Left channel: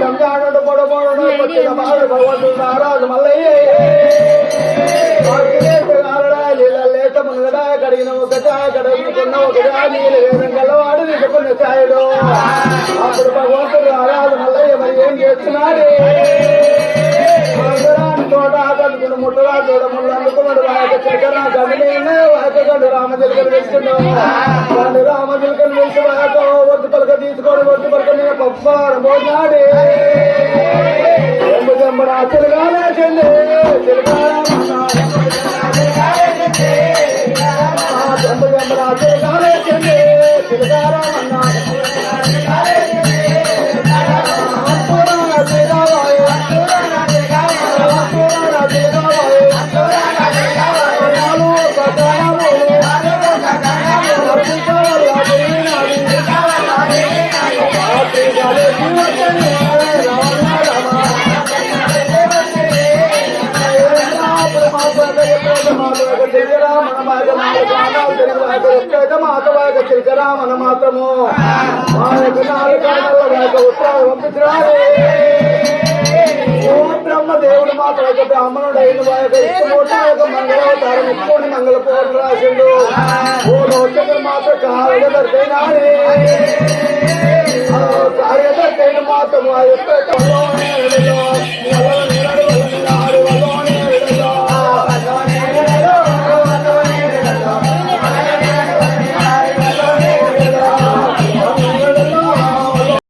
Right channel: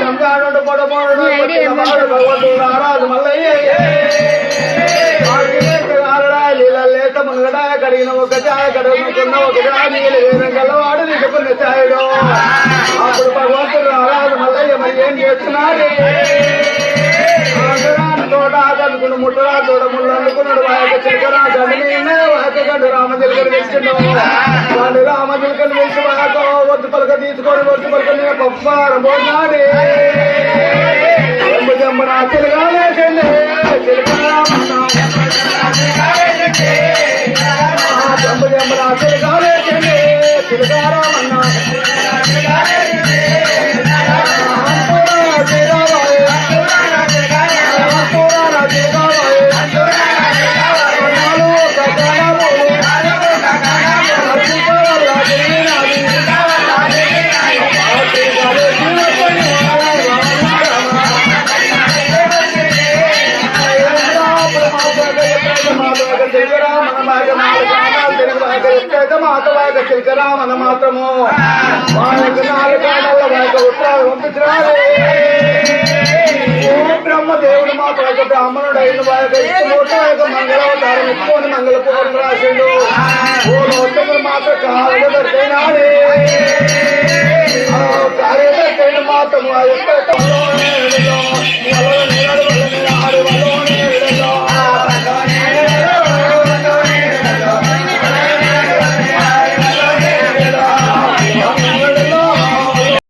గంగాడు పొడబోడు భగవంతుడు నారాజు మల్లయ్య లేత మునగడా కడిగిన ఒక చాయ కడుగుకున్న ఒక గల్లవాడు నిజకున్న చాయడు అప్పుడు భగవంతుడు నారాజు మల్లయ్య మరి ఏం చేస్తున్నాడు తోట ఆకనుకున్న ముట్టరా తోట ముళ్ళు అనుకున్నాడు వాయక చిలకరా గండి రామజిలకలు తెచ్చిండు వాడు రామజిలకలు తెలిసి వాయక వద్దు పలక తీసుకొని వద్దు పలక మీద పప్పారం పోనాడే జంబరా చిలకాలేసింది జంబరా చిలకాలేసింది చిలకారామన్నా చిలకరామన మాత్రము బ్రహ్మదేవుడు మాత్రం బ్రాహ్మణుడు అయిన మంగళవతారం ఇచ్చుకొని మంగళపూర్ణ రాసిండు మాత్రం కాళ్ళు దొరికినాడే కార్యదర్శైన మాత్రము